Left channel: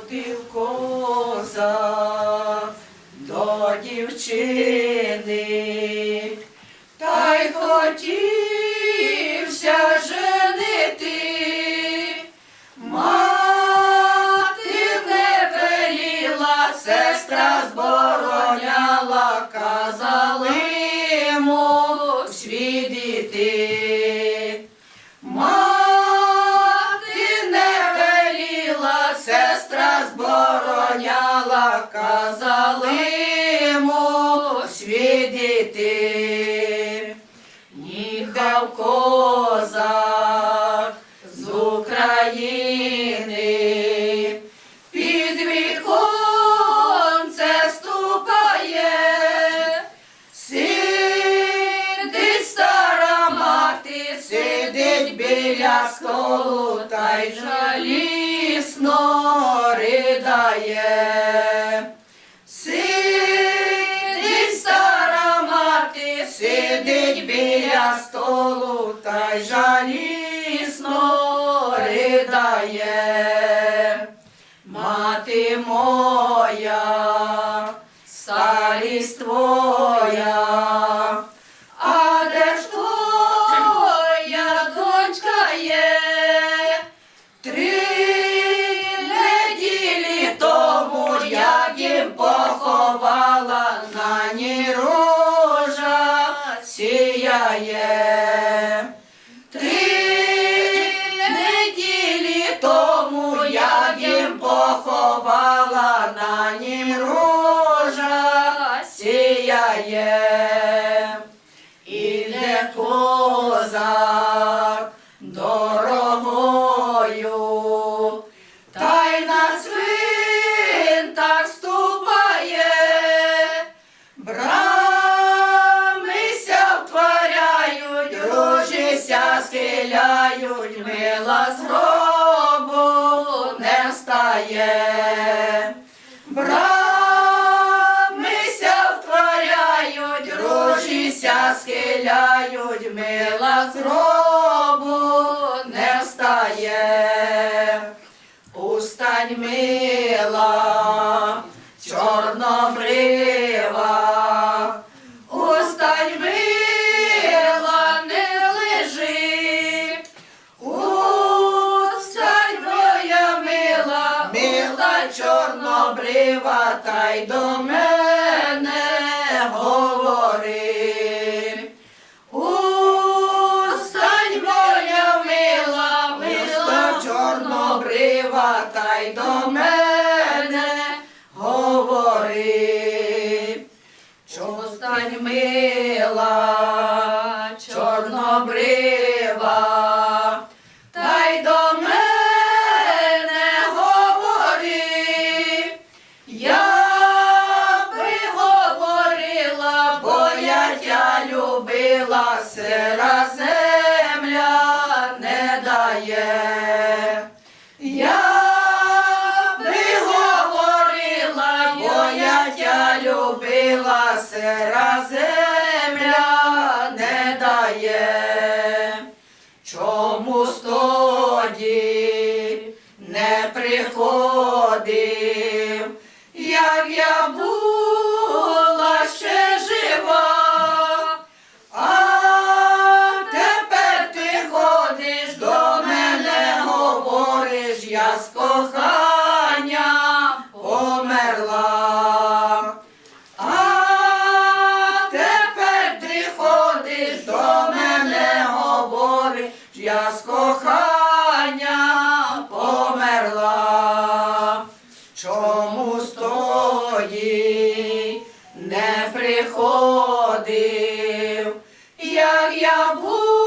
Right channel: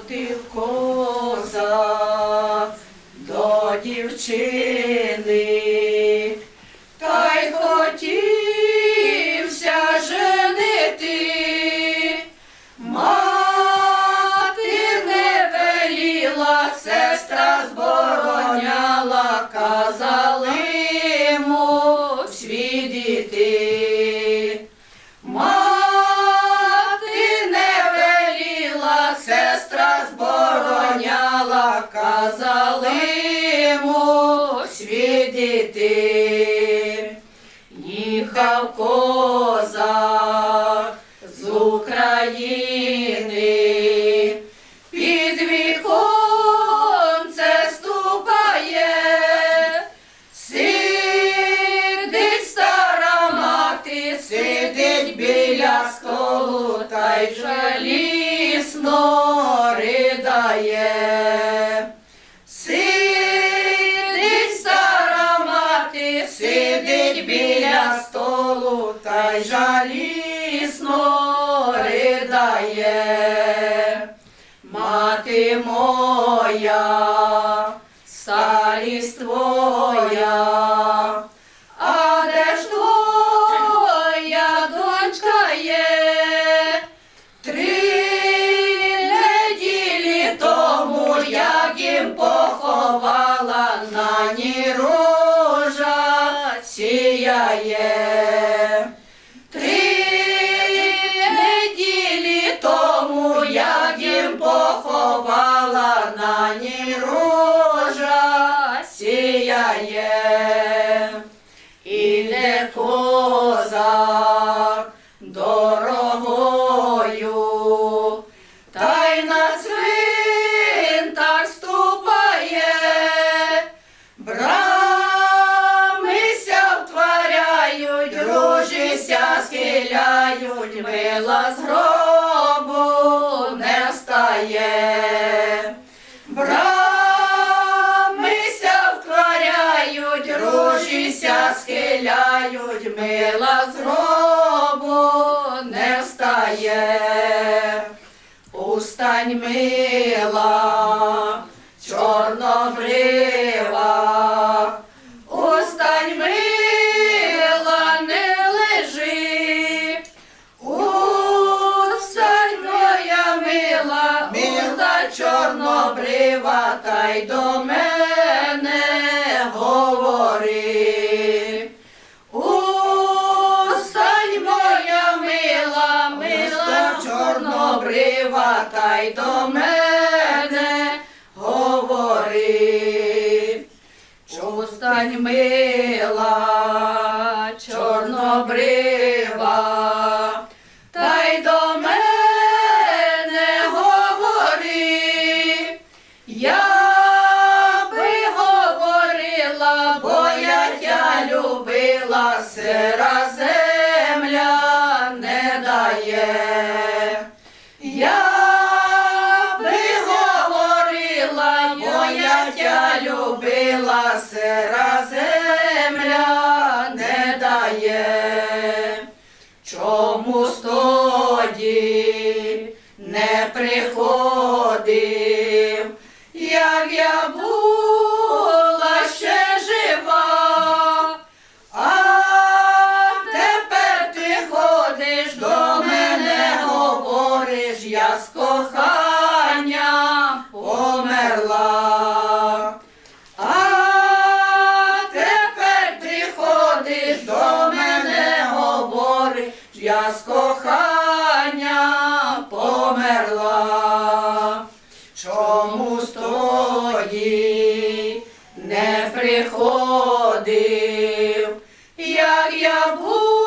Ходив козак до дівчини, та й хотівся женити. Мати не веліла, сестра збороняла, світ. Їхав козак з України, під віконце ступає, сидить стара мати, сидить біля столу, та й жалісно ридає. Сидить біля столу, та й жалісно козак дорогою, та й на цвинтар ступає, брамися втворяють, ружися схиляють, мила з гробу не встає. З гробу не встає. Устань мила, чорнобрива, устань мила, не лежи. Устань моя мила, мила чорнобрива, та й до мене та й до мене говори. Чустань мила, чорнобрива, любила, земля не дає. Чому тоді не приходив, як я була я з кохання померла, чому стої не приходив, як я був.